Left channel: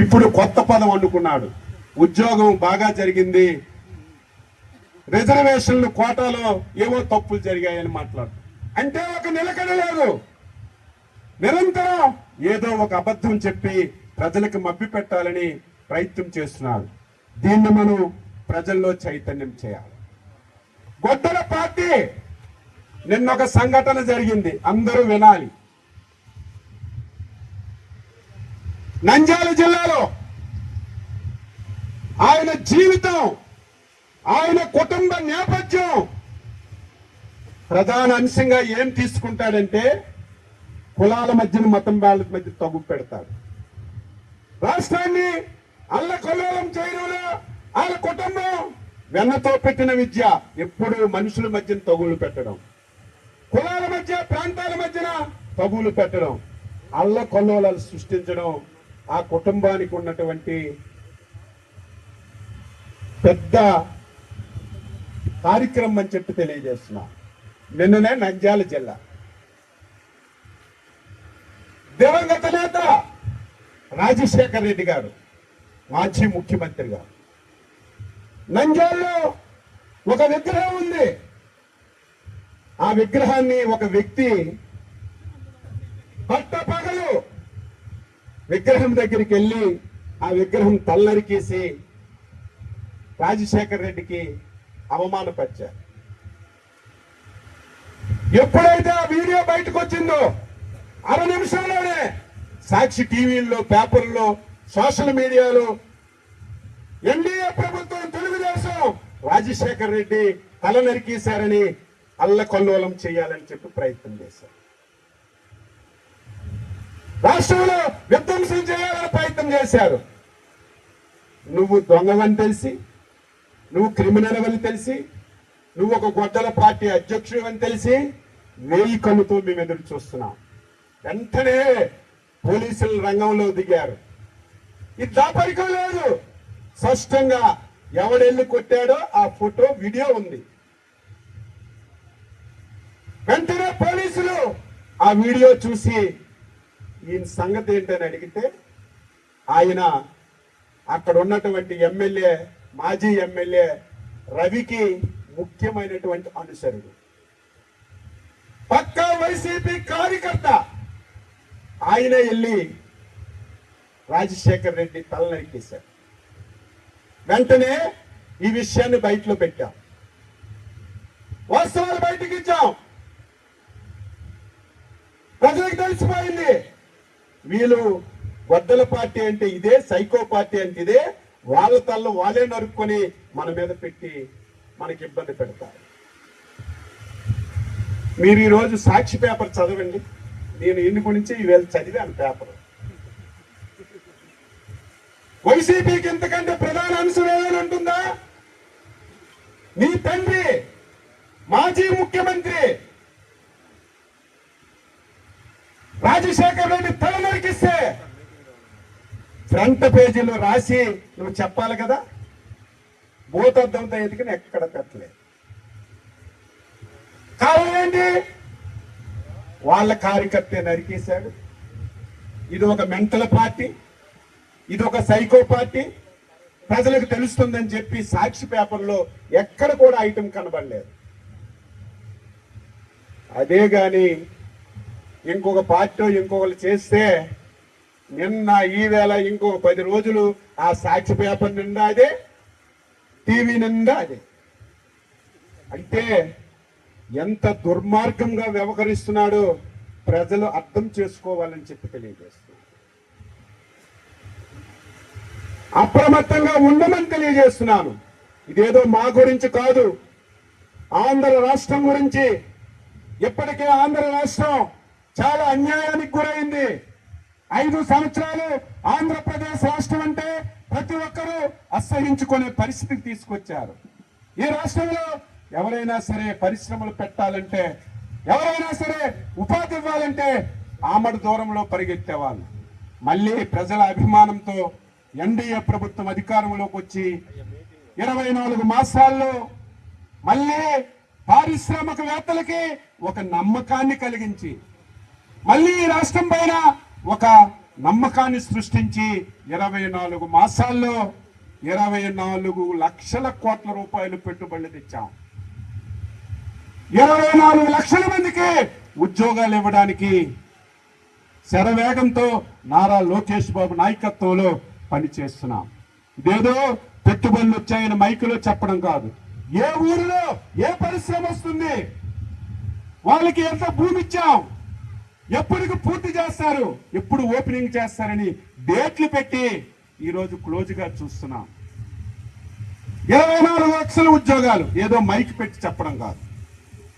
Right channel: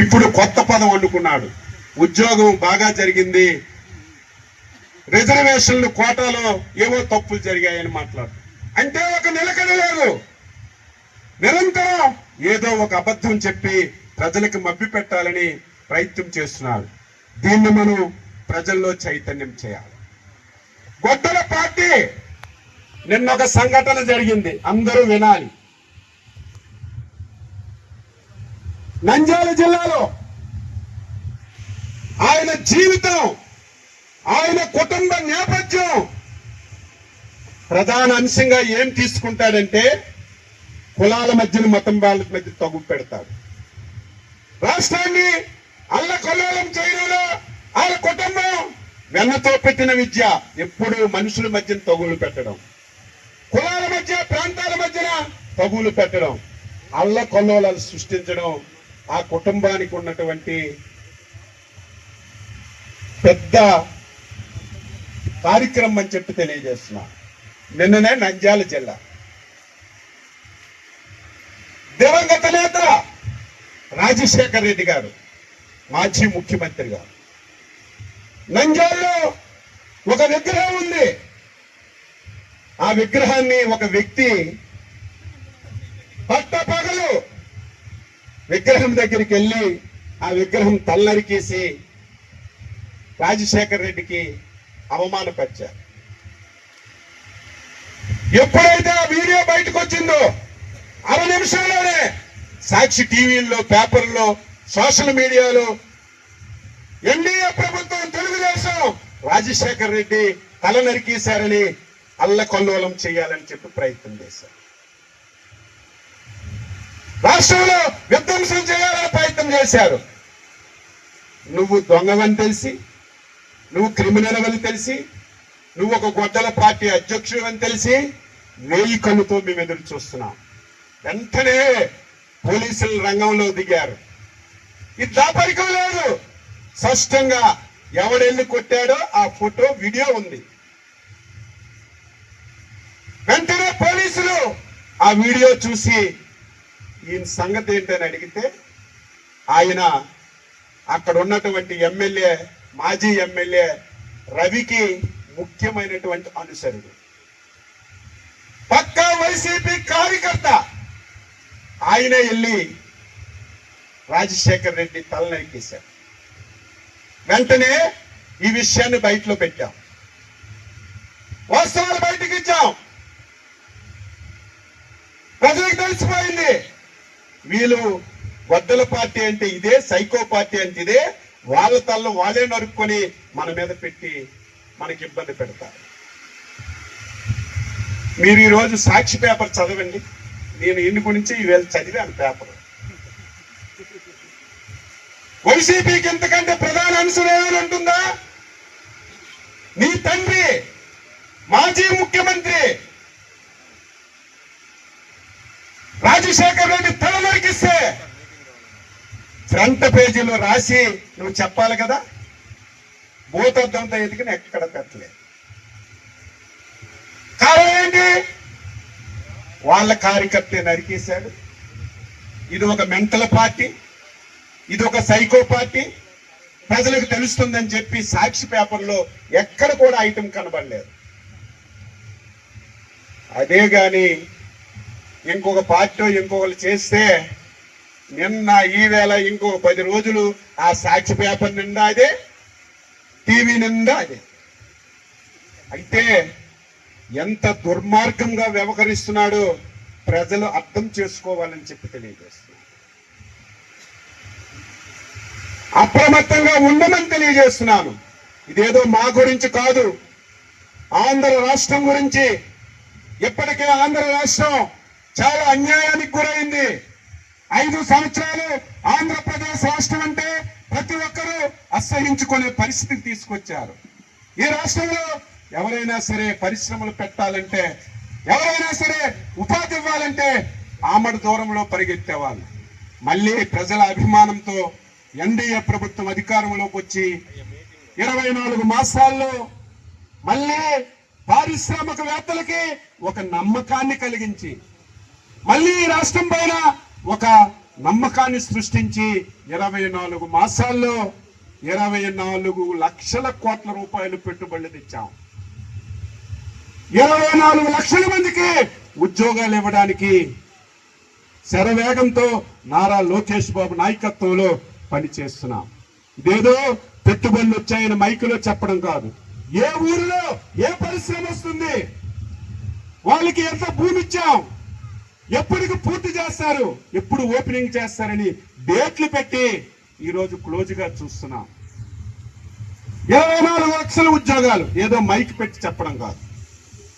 ఇప్పుడు కొత్త పదం వండుకున్నాడు. ఉద్యోగం బాగా జరిగింది, రిజర్వేషన్లు కోటాలో ఏవో తప్పులు జరిగాయని మాట్లాడు. అంటే ఒక నిలకడ లేదు, నిరంతరం ఏదో ఒక అబద్ధం చెప్పి ప్రజలకు మభ్య పెట్టాలని ప్రయత్నం చేస్తున్నారు. దీన్ని మనం ప్రజల్లో చైతన్యం చేయాలి. గొడ్డల పార్టీ నిన్న ఒక సంఘటన జరిగింది, అందరూ వినాలి. నంద్యాల జిల్లాలో ఆయన జీవితం, ఆయన కుటుంబ నేపథ్యం ప్రధాన అంశంగా ఏం తీసుకుంటాడంటే కులాల మధ్యన మతం వాళ్ళ మధ్య తగు పెడతాడు. రాష్ట్రాన్ని అల్లకల్లోలం చేయడంలో ఆయన కుటుంబం వెన్నతో పెట్టిన విద్య ఎప్పుడు మనుషుల మధ్యన తగులు పెట్టడం, కులాల మధ్య ప్రాంతాల మధ్యన తగులు పెట్టడం, అల్లకల్లోలాలు సృష్టించడం ఆ కుటుంబానికి ఉన్నటువంటి పెద్ద కార్యక్రమం అని చెప్పి తెలియజేస్తున్నా. నిన్ననే నంద్యాల జిల్లా దివంగత నేత రాజశేఖర్ రెడ్డి గారు, మాజీ ముఖ్యమంత్రి గారు, నంద్యాలలో ఒక విగ్రహం ఉంది. ఆ విగ్రహాన్ని ఒక వ్యక్తి పట్టపగలు విగ్రహం దగ్గరికి వెళ్ళి ఆ విగ్రహం తల్లరికేసి రాజశేఖర్ రెడ్డికి అవమానపరిచారు. ఎప్పుడైతే ఆ వీడియో బయటకు వచ్చిందో 6 నిమిషాల్లోనే సాక్షి టీవీల్లో, పేపర్లో, సోషల్ మీడియాలో ఎన్డీఏ ప్రభుత్వం, తెలుగుదేశం రాజశేఖర్ రెడ్డి తల నరికేశారని అల్లకల్లోలం చేయాలని చెప్పి ప్రయత్నం చేశారు. రాష్ట్రంలో విధ్వంసం చేయాలని ప్రయత్నం చేశారు. నువ్వు దొంగవని తెలిసి, నువ్వు క్రిమినల్ అని తెలిసి, నువ్వు ఒక గొడ్డల పార్టీ అధ్యక్షుడు అని తెలిసి 1000 కన్నుతో మేము ఎదురు చూస్తున్నాం. వెంటనే పోలీసులు రంగంలో దిగారు. ఇది దాపరికం లేదు, స్పష్టంగా ఎవడెళ్ళి కొట్టాడో ఆ ఫోటో, వీడియో ఉంది. వెంటనే పోలీసులు ఆ వీడియో చూసి ఈయన సంగతి ఏంటని అడిగితే ఆయన అక్కడ ఉన్నటువంటి ఎమ్మెల్యే, మాజీ ఎమ్మెల్యే రవికి ముఖ్యమైనటువంటి అనుసరుడు, పక్కా వైసీపీ కార్యకర్త. ఆయన వెళ్ళి రాజశేఖర్ రెడ్డి తల నరికేశారు. వెంటనే ఈ విషయాన్ని బయటలో పెట్టాం, వాస్తవాలు బయటకు ఇచ్చాం. ప్రజలకు తెలిసిపోయింది వీళ్ళు గొడ్డల పార్టీ అంటే ఇదే, సైకో పార్టీ అంటే ఇదే, వాళ్ళ తల్లు వాళ్ళే నరుక్కొని మన మీద పెట్టి మనకి ఇబ్బంది పెడతారు. మీరు ఈరోజు సాక్షి పేపర్ చదవండి. నేను ఇంటి గురించి ఈవేళ చదివాను పేపర్. వైసీపీకి ఎంతకంటే ప్రధాన అంశం ఏమైనా ఉంటుందా? నీ తండ్రి మాజీ ముఖ్యమంత్రి రాజశేఖర్ రెడ్డి తల నరికిస్తే ఫ్రంట్ పేజీలో రాసి నువ్వు చెప్పాలి కదా. భూతద్దంతో ఎదిగిన ఎక్కడ పెట్టలేదు. కారణం ఏంటి? వాళ్ళ కార్యకర్త నరికేశాడు. ఇది ఒక మెంటల్ పార్టీ, ఇది ఒక సైకో పార్టీ, ప్రజలకు తెలుస్తుందని చెప్పి సాక్షి పేపర్లో ఎక్కడ కూడా ఐటెం కనబడలేదు. అదే గాని ఇంకొక పార్టీ ఇంకొకరు చేస్తే నిన్న ఈవేళ ఇంకొక 10 రోజులు ఆ సాక్షి పేపర్ నిండా అదే, టీవీ నిండా అదే. అయితే ఎంత దుర్మార్గంగా వ్యవహరిస్తున్నాడో ప్రజలు అర్థం చేసుకోవాలని చెప్పి తెలియజేస్తున్నారు. అప్రమత్తంగా ఉండమని తెలియజేస్తున్నాను. ఇదేదో మా గురించి కాదు, ఆంధ్ర రాష్ట్రం గురించి. ఇప్పటికే ఆంధ్ర రాష్ట్రం చాలా అన్యాయానికి గురైంది. 5 సంవత్సరాలు ఆంధ్రప్రదేశ్ రాష్ట్రం అంటే ప్రతి ఒక్కరూ అసహించుకునే పరిస్థితికి తీసుకొచ్చారు. ఈ రాష్ట్రంలో ఎవరైనా సరే పరిశ్రమలు పెట్టాలంటే, ఎవరైనా సరే ఉపాధి ఇవ్వాలంటే ఆమడ దూరంలో పరిగెత్తేవాళ్ళు. మళ్ళీ ప్రజల అభిమానంతో ఎన్డీఏ ప్రభుత్వం అధికారంలోకి వచ్చి 24 మాసాల్లో మళ్ళీ పారిశ్రామికవేత్తలకి ఒక నమ్మకాన్ని కలిగించి, మళ్ళీ రాష్ట్రం పైన ఒక నమ్మకాన్ని సృష్టించి 24 మాసాల్లో 24 లక్షల కోట్ల రూపాయలు పెట్టుబడులు తెచ్చాం. 24 లక్షల మందికి ఉద్యోగాలు ఇవ్వడానికి శరవేగంతో నారా లోకేష్ బాబు నాయకత్వంలో పనిచేస్తున్నాం. ఇదేదో పెట్టుబడులు వచ్చాయని మైకులో చెప్పడం కాదు. ఏ ఊరిలో ఏ పరిశ్రమ వస్తుంది, వాళ్ళకి ఎంత భూమి ఇచ్చాం, ఎప్పటికి పూర్తి చేస్తారు, ఎప్పుడు ఓపెనింగ్ చేస్తారని డేట్లు పెట్టి ఈరోజు క్లోజ్ గా చూస్తున్నాం. 24 లక్షల ఉద్యోగాలు ఏదో మైక్ పెట్టి చెప్పడం కాదు.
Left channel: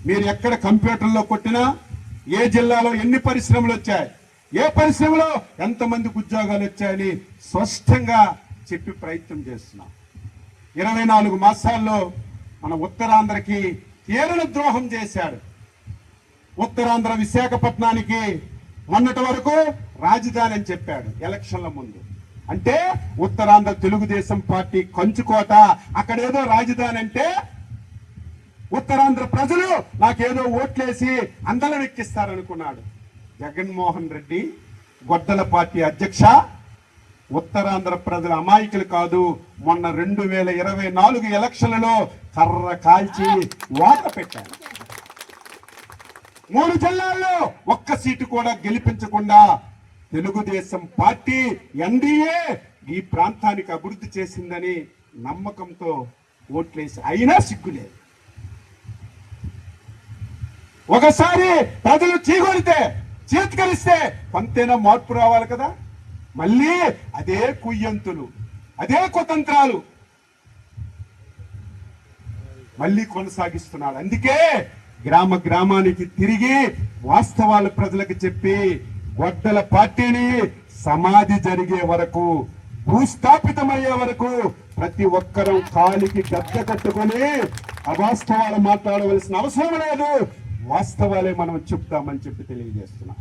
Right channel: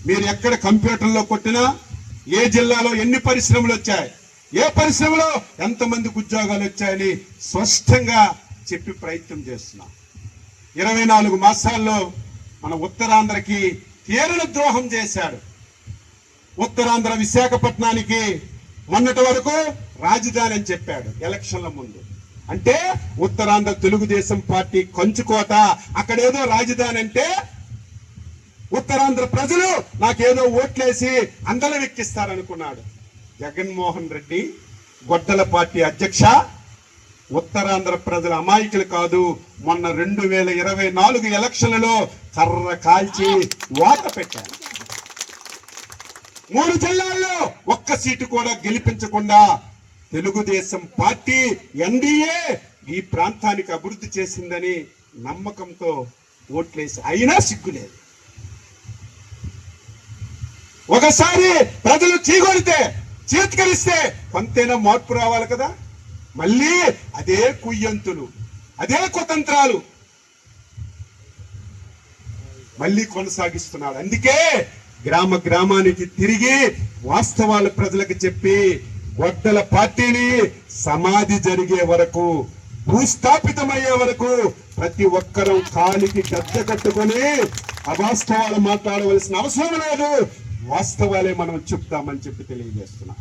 మీరు ఎక్కడ కంప్యూటర్లో కొట్టినా ఏ జిల్లాలో ఎన్ని పరిశ్రమలు వచ్చాయి, ఏ పరిశ్రమలో ఎంతమందికి ఉద్యోగాలు వచ్చాయని స్పష్టంగా చెప్పి ప్రయత్నం చేస్తున్నాం. 24 మాసాల్లో మన ఉత్తరాంధ్రకి తీరని ద్రోహం చేశారు. ఉత్తరాంధ్ర విశాఖపట్నానికి మొన్నటి వరకు రాజధాని అని చెప్పాడు ఎలక్షన్ల ముందు. అంటే ఉత్తరాంధ్ర తెలుగుదేశం పార్టీ కంచుకోట, అక్కడేదో రాజధాని అంటే ఉత్తరాంధ్ర ప్రజలు నాకేదో ఓట్లేసి అందలం ఎక్కిస్తారనుకున్నాడు. జగన్మోహన్ రెడ్డి గొడ్డల పార్టీ అధ్యక్ష, ఉత్తరాంధ్ర ప్రజల అమాయకులు కాదు. మొన్న 2024 ఎలక్షన్లలో కర్ర కాల్చి వాత పెట్టారు. 3 జిల్లాల్లో ఒక్క సీటు కూడా గెలిపించకుండా తెలుగుదేశం పార్టీ ఎన్డీఏ ఈ ప్రాంతానికి అభివృద్ధి చేసిందని నమ్మకంతో ఓట్లేసి అయినా సిగ్గులేదు. ఒకసారి ప్రజలు చీగొడితే చేతికలిస్తే కొంతైనా మార్పు రావాలి కదా. మళ్ళీ అదే కుయ్యంతులు, అదే కుతంత్రాలు మళ్ళీ కొనసాగిస్తున్నాడు. అందుకే గ్రామ గ్రామానికి తిరిగి వాస్తవాల ప్రజలకు చెప్పి గొడ్డల పార్టీని సమాధి జరిగే వరకు, భూస్థాపితమయ్యే వరకు ప్రతి ఒక్కరూ కాలికి గద్ద కట్టుకొని అవాస్తవాలు మాట్లాడవలసిన అవసరం లేదు. వాస్తవాలే మనం చెప్తామని చెప్పి తెలియజేస్తున్నాం.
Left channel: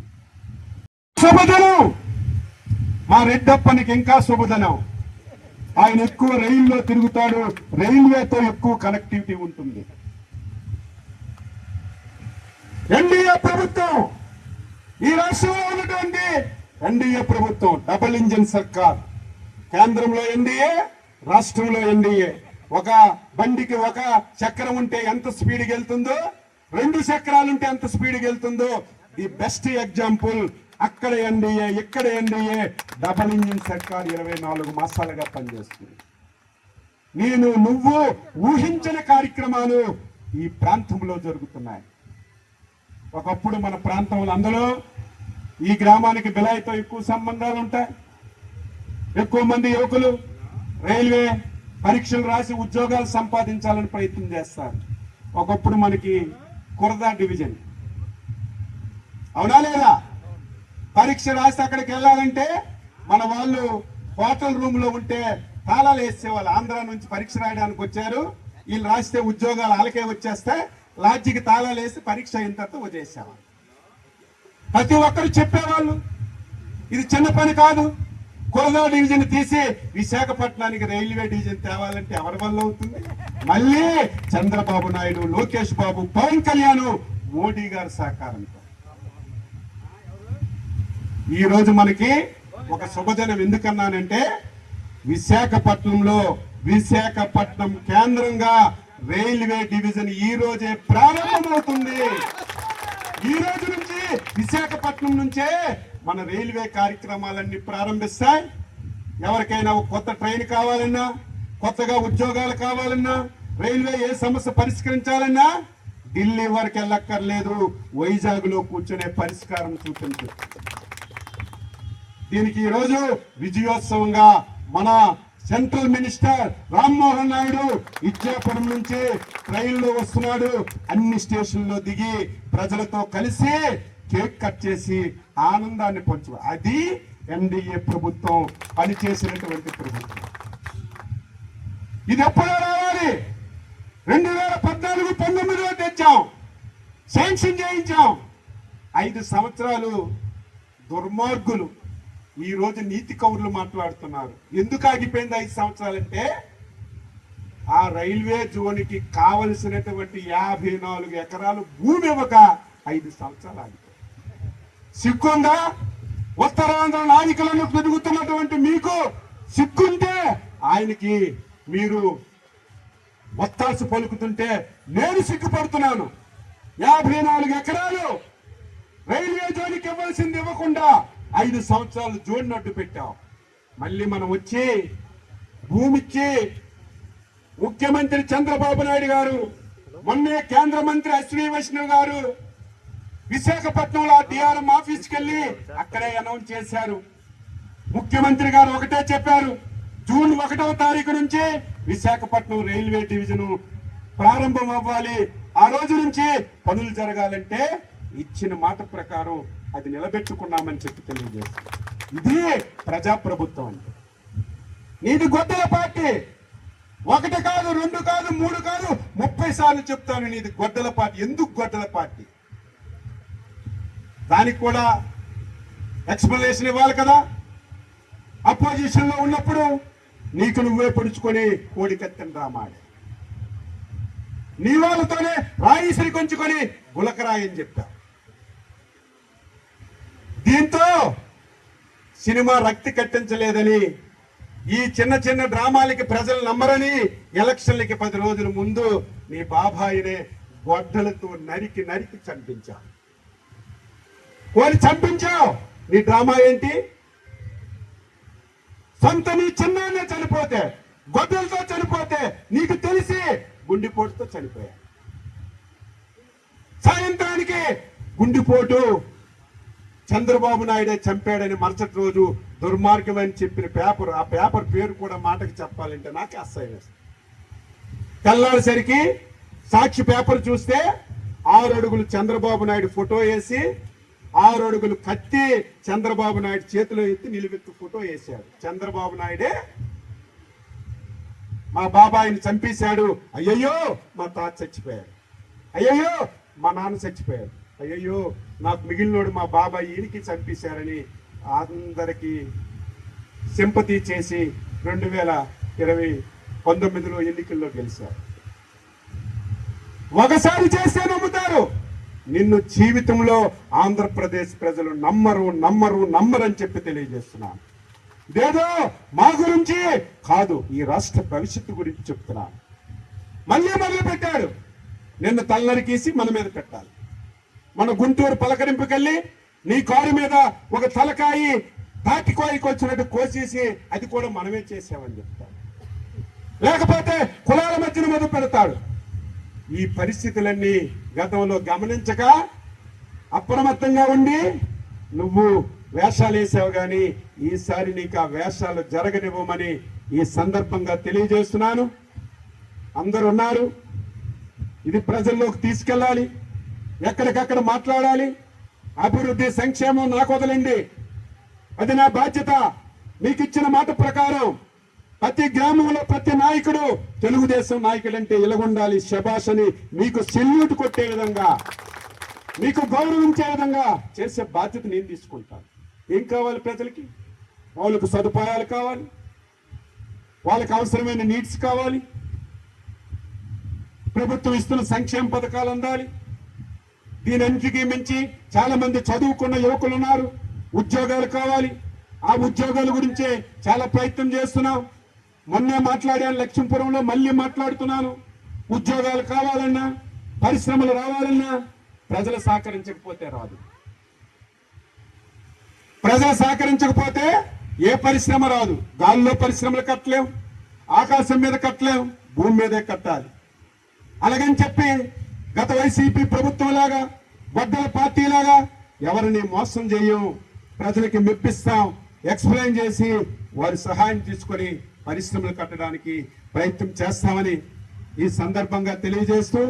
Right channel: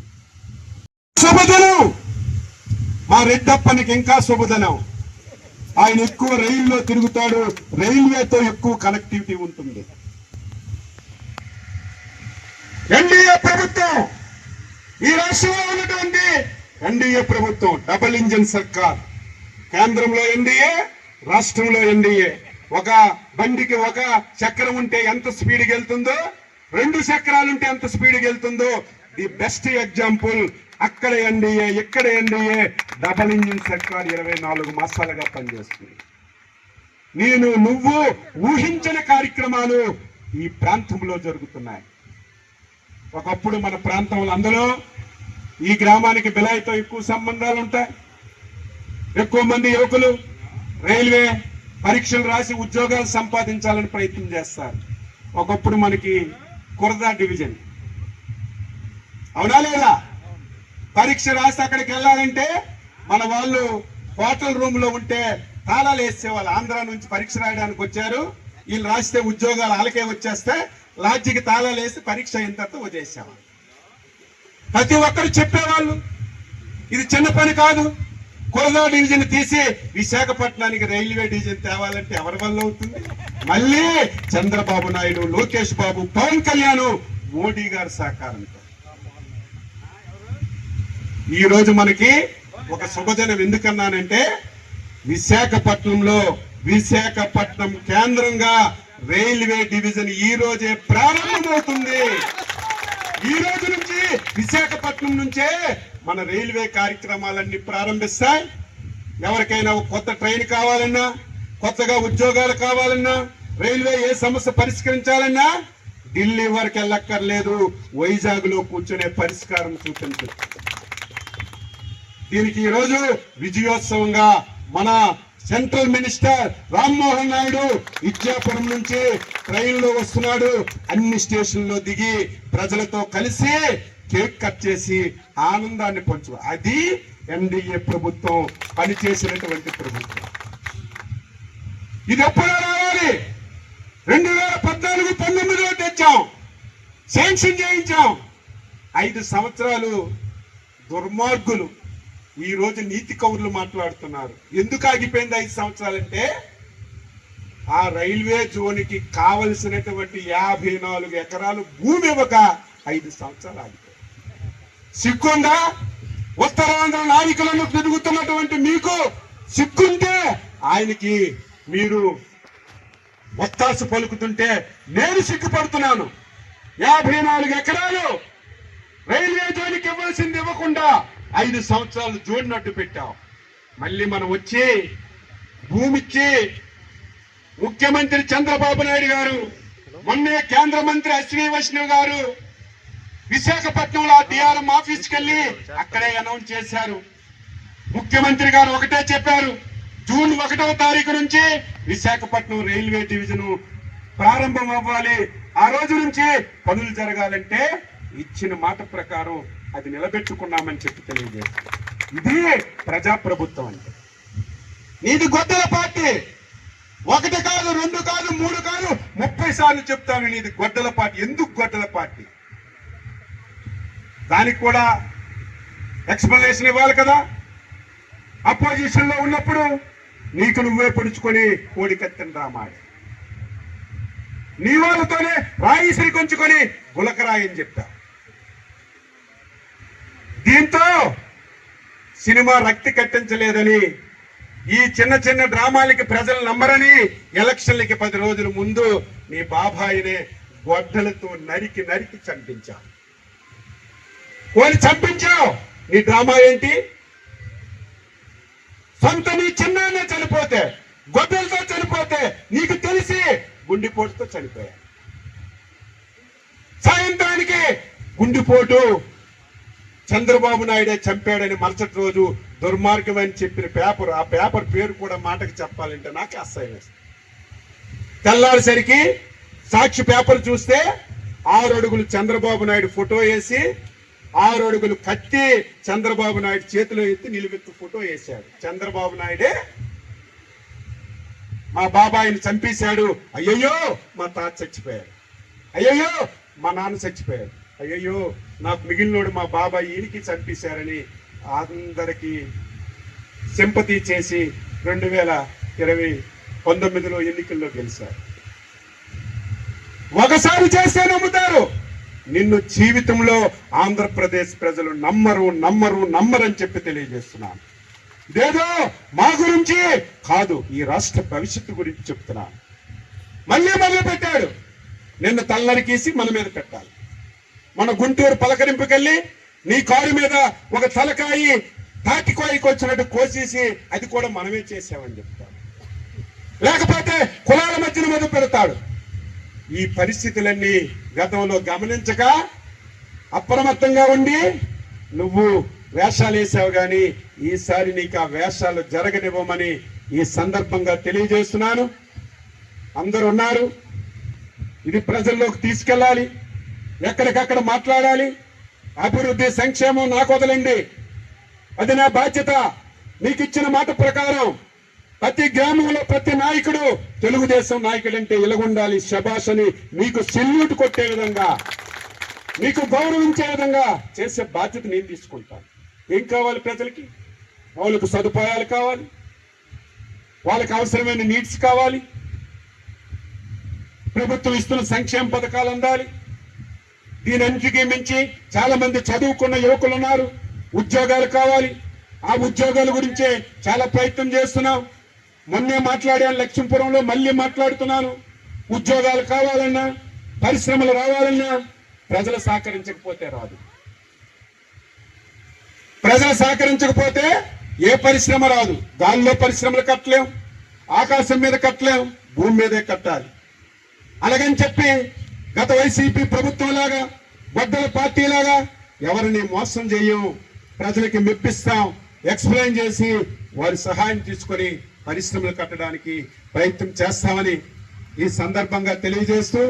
శుభదినం మా రెడ్డప్పనికి, ఇంకా శుభదినం. ఆయన ఎక్కువ రైల్లో తిరుగుతాడు, రైల్వేతో ఎక్కువ కనెక్టివిటీ ఉంటుంది. ఎన్డీఏ ప్రభుత్వం, ఈ రాష్ట్రంలో ఉన్నటువంటి ఎన్డీఏ ప్రభుత్వం డబుల్ ఇంజన్ సర్కార్. కేంద్రంలో ఎన్డీఏ, రాష్ట్రంలో ఎన్డీఏ. ఒక బండికి ఒక చక్రం ఉంటే ఎంత స్పీడ్కి వెళ్తుందో, 2 చక్రాలుంటే ఎంత స్పీడ్కి వెళ్తుందో ది బెస్ట్ ఎగ్జాంపుల్. అక్కడ ఎన్డీఏ, ఇక్కడ ఎన్డీఏ. డబుల్ ఇంజిన్ సర్కార్ 24 మాసాలుగా పనిచేస్తుంది. నేను నువ్వు ఊహించని కార్యక్రమాలు ఈ ప్రాంతంలో జరుగుతున్నాయి. ఒకప్పుడు మన ప్రాంతంలో అందులో ఈ గ్రామానికి బిలాయితో ఎక్కువ సంబంధాలు ఉంటాయి. ఎక్కువ మంది యువకులు రైల్వే పరీక్షలు రాసి ఉద్యోగాలు సంపాదించాలని ప్రయత్నం చేస్తారు. ఒకప్పుడు మనకి కురదా డివిజన్, అవునా లేదా? పరీక్ష రాసి అక్కడికి వెళ్ళాలంటే మన వాళ్ళు హోటల్ రూమ్ లో ఉంటే తాళాలు వేసేవాళ్ళు. ఆంధ్ర నుంచి పరీక్ష రాయడానికి వచ్చారు, వీళ్ళు రాస్తే ఉద్యోగాలు వాళ్ళకే వచ్చేస్తే లాడ్జికి తాళాలు వేసి పరీక్ష అయిన తర్వాత వదిలేసేవాళ్ళు. ప్రతి ఒక్కరు చెప్పేవాళ్ళు ఇది చిన్న పని కాదు. కురదా డివిజన్ తీసి విశాఖపట్నానికి రైల్వే డివిజన్ తేవాలంటే ఎవరి వల్ల అవుతుంది? మళ్ళీ చంద్రబాబు నాయుడు, లోకేష్ బాబు, పవన్ కళ్యాణ్, మోడీ గారి సహకారంతో. ఈ రోజు మనకి ఒక శుభదినం. ఎందుకన్నానంటే విశాఖపట్నం కేంద్రంగా రైల్వే డివిజన్ ఈ రోజే ప్రారంభమవుతుంది. ఈ రోజు నుంచి విశాఖపట్నం నుంచే మన రైల్వే కార్యక్రమాలన్నీ ప్రారంభిస్తాయి. ఎవరికైనా కొత్త ట్రైన్ కావాలన్నా, కొత్తగా ఉద్యోగాలు కావాలన్నా, రైల్వే ఏ సమస్య పరిష్కరించాలన్నా ఢిల్లీ వరకు వెళ్ళక్కర్లేదు, వైజాగ్ లో కూర్చునే పరిష్కారం చూపించు. దీనికి ఈరోజు విజయోత్సవంగా మన సెంట్రల్ మినిస్టర్ రామ్మోహన్ నాయుడు ఇచ్చాపురం నుంచి ట్రైన్లో వస్తున్నాడు. అన్ని స్టేషన్లో దిగి ప్రజలతో కలిసి కేక్ కట్ చేసి ఆనందాన్ని పంచు. అది ఎన్డీఏ ప్రభుత్వం పనిచేసినటువంటి ప్రభుత్వం. ఇది ఎప్పుడో రావాలి. 2014-19లో తెచ్చాం, శాంక్షన్ చేయించాం. 5 సంవత్సరాలు దుర్మార్గులు ఈ రోజు నీతి కౌరులు మాట్లాడుతున్నారు. ఎందుకు ఆగిపోయింది 5 సంవత్సరాలంటే ఆ రైల్వే జోన్కి కావలసినటువంటి 54 ఎకరాలు భూమి ఇవ్వక 5 సంవత్సరాలు ఆగిపోయింది. సిగ్గుందా? ఉత్తరాంధ్ర నాయకులను తిరుగుతున్నటువంటి మీకు సిగ్గుంటే ఆయనకి మీరు ఒత్తాసు పలుకుతుంటే నేను సిగ్గుపడుతున్నాను. 54 ఎకరాలు రైల్వే జోన్కి ఇవ్వాల్సింది ఇవ్వకుండా 5 సంవత్సరాలు జోన్ అడ్డు పెట్టాం. మళ్ళీ మనం వచ్చి భూమిచ్చి ముఖ్యమంత్రి చంద్రబాబు నాయుడు గారు, మొన్నే కేంద్ర మంత్రి అశ్విని వైష్ణవ్ గారు విశాఖపట్నంలో డిఆర్ఎం ఆఫీస్కి వెళ్ళి అక్కడే అనౌన్స్ చేశారు. ముఖ్యమంత్రి గారు ఒకటే చెప్పారు, జూన్ 1వ తారీఖు నుంచి విశాఖపట్నం రైల్వే డివిజన్ ప్రారంభం అవ్వాలి, ఆ రోజు నుంచి పనులు జరగాలంటే ఇచ్చిన మాట ప్రకారం అది నిలబెట్టుకున్నామని చెప్పి తెలియజేస్తారు. ఇది ప్రజాప్రభుత్వం అంటే. నీది గొడ్డల పార్టీ. 1 కాదు, 2 కాదు, 3 కాదు, 30 సార్లు చెప్తాను నీది గొడ్డల పార్టీ. ఎందుకు గొడ్డల పార్టీ? దానికి కూడా ఎక్స్ప్లెనేషన్ ఇవ్వాలి కదా. అపోజిషన్ లో ఉన్నప్పుడు నీకు నువ్వే పొడుచుకొని కోడికత్తెని రామాడు, నీ వాళ్ళతోనే రాయి శ్రీకొంచుకొని గులకరాయి అని చెప్తా. దీంతో సినిమా రక్తి కట్టించలేదని, ఈ చిన్న చిన్న డ్రామాలకి ప్రజలు నమ్మరని ఎలక్షన్లకి 10 రోజుల ముందు నీ బాబాయినే గొడ్డలతో నరికి నరికి చంపించావు. వాళ్ళు చంపించావు. నీ డ్రామా ఏంటి? సొంత నీ చిన్నాన్నే చనిపోతే, గొడ్డలతో చనిపోతే నీకు తెలిసి గుండెపోటుతో చనిపోయా. సాయంత్రానికి గుండెపోటు చంద్రబాబు నాయుడే చంపాడని మరుసటి రోజు దుర్మార్గం అని చెప్పిన పేపర్, ఆ పేపర్ పేరు కూడా మాటకి చెప్పాలంటే నాకు అసహ్యం వేస్తుంది. తెల్లారిసరికి సాక్షి పేపర్ చూస్తే 6 అడుగులు చంద్రబాబు నాయుడు ఫోటో వేసి 6 అడుగులు కత్తి చంద్రబాబు నాయుడు చేతిలో ఎత్తి నిలువెత్తు ఫోటో వేశాడు. చంద్రబాబు నాయుడే మా బాబాయిని చంపేశాడు, అయ్యయ్యో మా తాత చచ్చిపోయాడు, అయ్యయ్యో మా నాన్న చచ్చిపోయాడు, అయ్యయ్యో నాకు మిగిలినోడు మా బాబాయ్ ఈయనకి చంపేశారని అందరికీ సింపతి చేసి 2019లో ఎన్నికల్లో గెలిచారు. ఒకసారి చేస్తే నమ్ముతారు, నిన్ను జీవితంలో ఆంధ్రప్రదేశ్ ప్రజలు నమ్మరని చెప్పి తెలియజేస్తున్నాను. ఇదేదో మా గురించి కాదు, ఈ రాష్ట్ర భవిష్యత్తు గురించి చెప్తున్నాను. మళ్ళీ మొదలు పెట్టాడు. నిన్న తలనరికేసి మన మీద పెట్టాలి. మన గుంటూరు పలకరింపుకెళ్ళి నీ కారు మీద ఒక తలకాయి తాటికాయకి వచ్చినట్టు కోసేసి అది కూడా మనమే చేసామని చెప్తాడు. లేకపోతే కులాల మధ్యన మీద పెడతాడు. ఈ పరిస్థితులన్నీ గతంలో గమనించక అప్రమత్తంగా ఉండి నువ్వు వేషాలు వేసావు, కానీ ఈసారి నీకు ఆ వేషాలు జరగనివ్వమని ఈ సందర్భంగా తెలియజేస్తున్నాను. అందరూ ఉన్నారు, ఇది ప్రజల్లోకి తీసుకెళ్ళాలి, ఎక్కడికక్కడ మాట్లాడాలి. అభివృద్ధి సంక్షేమం నాకు వదలండి, అది నా బాధ్యత. మీకు ఇచ్చిన మాట ప్రకారం ప్రతి గ్రామంలో ప్రతి నాయకుడు తెలుగుదేశం నాయకుడు అంటే ఇలాగుండాలి, శబాష్ అని మీకు సెల్యూట్ కొట్టే విధంగా, మీకు గౌరవించే విధంగా చేసే బాధ్యత నేను తీసుకుంటాను. ఏం కావాలి ప్రజలకి? వాళ్ళకు సదుపాయాలు కావాలి, వాళ్ళకి అవసరమైన నీడ్స్ కావాలి, ప్రభుత్వం ఇస్తున్న సంక్షేమ పథకాలు అందాలి. దీనన్నిటికీ మించి చాలా మంది చదువుకున్న యువకులు ఉన్నారు, ఉద్యోగాలు కావాలి. ఆ ఉద్యోగాల గురించే చాలా ప్రయత్నం చేస్తున్నాం. మొన్నే మాట్లాడాను లక్ష్మీపురంలో, మళ్ళీ మాట్లాడుతున్నాను. ఉద్యోగాలు కావాలన్నా, పరిశ్రమలు రావాలన్నా ప్రజలు సహకరించకపోతే రాదు. ప్రజలు సహకరించకపోతే ఏ పరిశ్రమ రాదు. గాల్లో పరిశ్రమలు కట్టలేం, ఆకాశం మీద కట్టలేం, భూమి మీదే కట్టాలి. అలాగని చెప్పి గత వైసీపీ ప్రభుత్వం లాగా, గొడ్డల పార్టీ లాగా ఎవరిని మోసం చేయము. ప్రజలకి మెప్పిస్తాం, ఎక్స్ప్లెయిన్ చేసి వారి సహాయం తీసుకొని పరిశ్రమలు కట్టడానికి ప్రయత్నం చేస్తామని ఈ సందర్భంగా తెలియజేస్తూ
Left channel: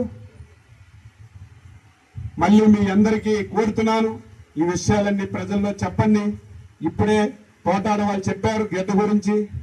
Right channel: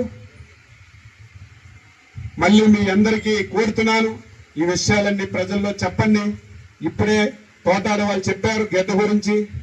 మళ్ళీ మీ అందరికీ కోరుతున్నాను, ఈ విషయాలన్నీ ప్రజల్లో చెప్పండి. ఇప్పుడే పోటాడ వాళ్ళు చెప్పారు గడ్డ గురించి.